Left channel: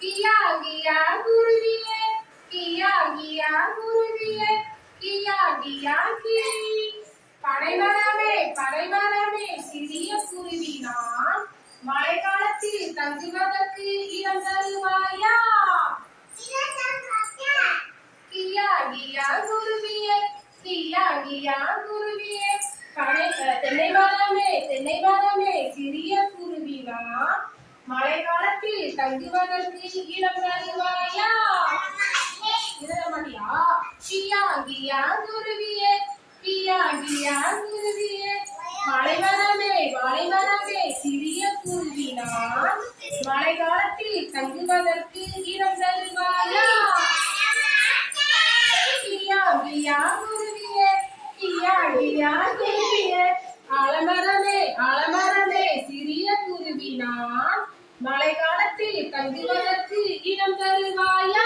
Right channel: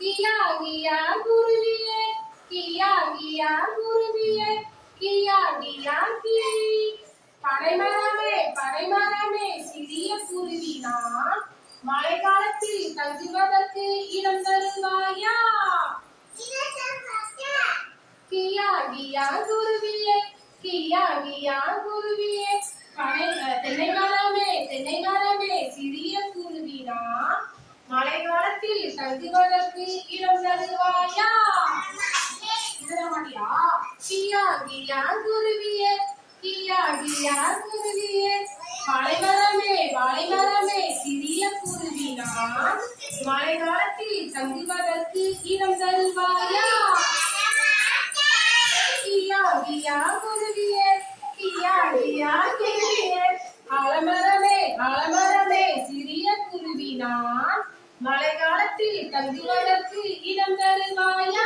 கியா கியா குருவியே கியா கியா குருவியே கியா கியா கிளி. பனைமரமே சிறிய குருவி நான், மழை காலத்தில் தங்குவதற்கு இடம் தருவாயா? கியா கியா குருவியே கியா கியா குருவியே. தென்னை மரமே சிறிய குருவி நான், மழை காலத்தில் தங்குவதற்கு இடம் தருவாயா? மாட்டியா? கியா கியா குருவியே கியா கியா குருவியே. மலைமரமே சிறிய குருவி நான், மழை காலத்தில் தங்குவதற்கு இடம் தருவாயா? கியா கியா குருவியே கியா கியா குருவியே. ஆலமரமே சிறிய குருவி நான், மழை காலத்தில் தங்குவதற்கு இடம் தருவாயா?